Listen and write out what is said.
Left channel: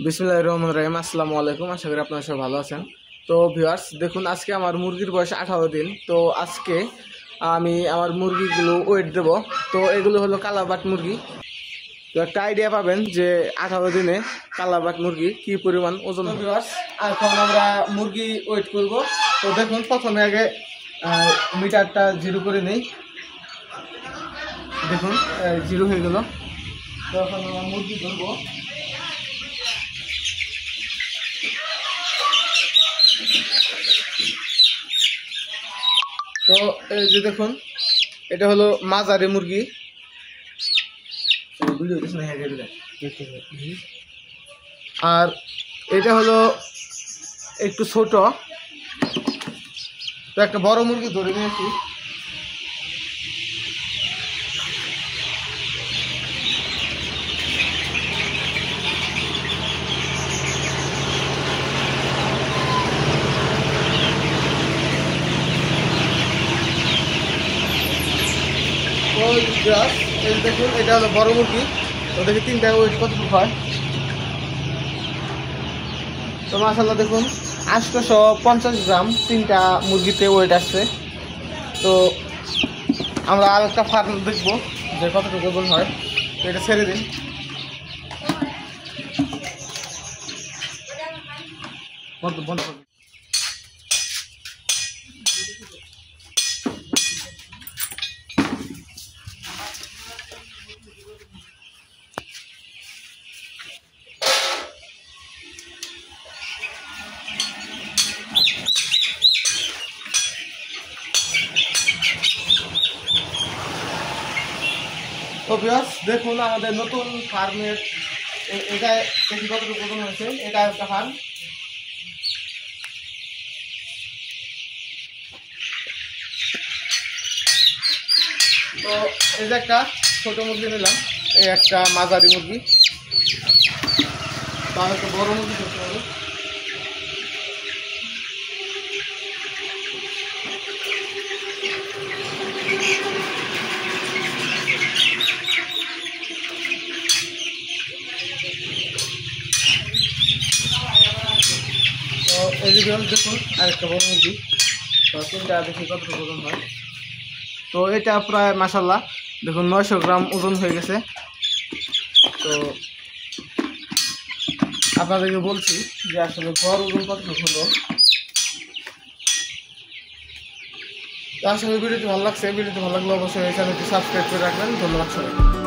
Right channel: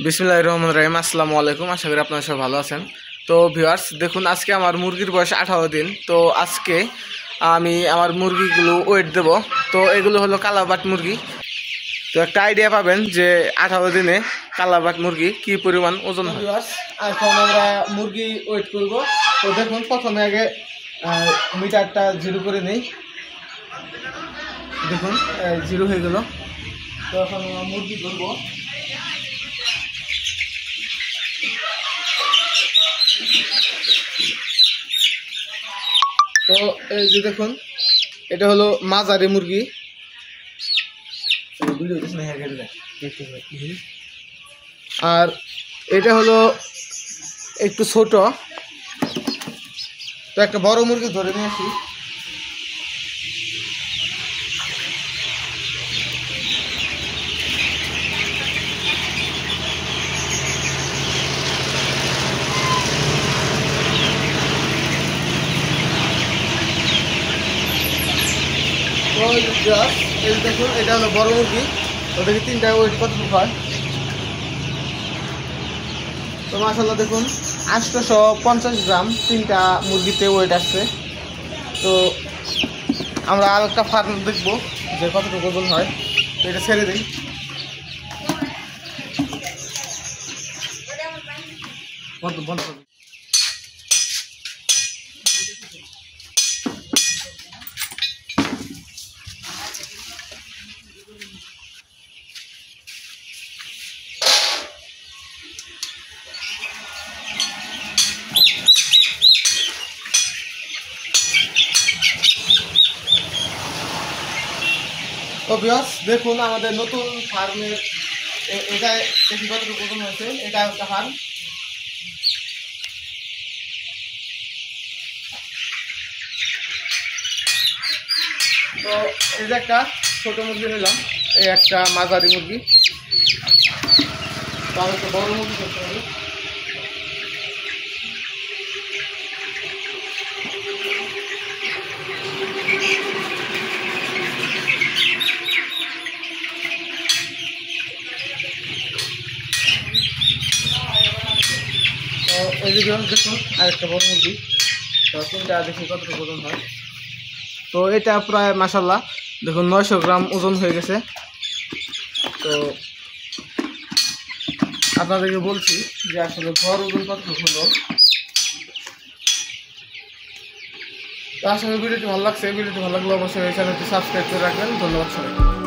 বিসমিল্লাহির রহমানির রহিম। আসসালামু আলাইকুম। আশা করি আপনারা সবাই ভালো আছেন। তো ভিউয়ার্স, দেখুন আজকে আমার মুরগির বয়স 18 দিন। তো আজকে আমি আমার মুরগিগুলো ওয়েট দেব। তো এগুলো হলো কালাবাট মুরগি। তো একটা আইডিয়া পাবেন যে 18 দিনে কালাবাট মুরগি কি পরিমাণ ওজন হয়। ভিউয়ার্স, এখন আমরা মুরগি ওয়েট করব। তো দেখুন প্রথমে আগে মিটারটা জিরো করে নেই। দেখুন জিরো হয়ে গেল। তো এখন আমরা মুরগি ধরবো। তো এই যে দেখুন, এটা হলো মাঝারি মুরগি। আর এটা হলো একটু ছোট। তো একটা বড় মুরগি ধরে নিয়েছি। তো এই দেখুন, এটা হলো বড় মুরগি। তো দেখি তিনটা ওয়েট কতটুকু হয়। তো মাশাআল্লাহ দেখুন 850 গ্রাম তিনটা মুরগিতে ওয়েট আসছে। তো আমরা আর একটা ফার্ম দেখবো যে কতটুকু ওজন হয়। তো এটা ছেড়ে দিন। বন্ধ বন্ধ করুন। তো ভিউয়ার্স, দেখুন আমাদের নতুন ফার্মের এটা দেখি কতটুকু ওজন হয়েছে। এটা একটা ফার্ম। তো এই যে একটা ছোট মুরগি নিলাম, এই একটা মাঝারি মুরগি। তো আমি একটা বড় মুরগি করতে হবে। তো এই যে দেখুন আরেকটা বড় মুরগি। তো তিনটা দেখি কতটুকু ওজন হয়। তো এটা প্রায় মাশাআল্লাহ দেখুন 900 গ্রাম ওজন হয়ে গেছে। তো আপনাদেরকে বলছি যে আসলে গড় ওজন কতটুকু হলো। তো আসলে ভিডিওটি ভালো লাগছে। ভিডিওটি ভালো লাগলে অবশ্যই চ্যানেলটি সাবস্ক্রাইব করে রাখবেন। ধন্যবাদ সবাই।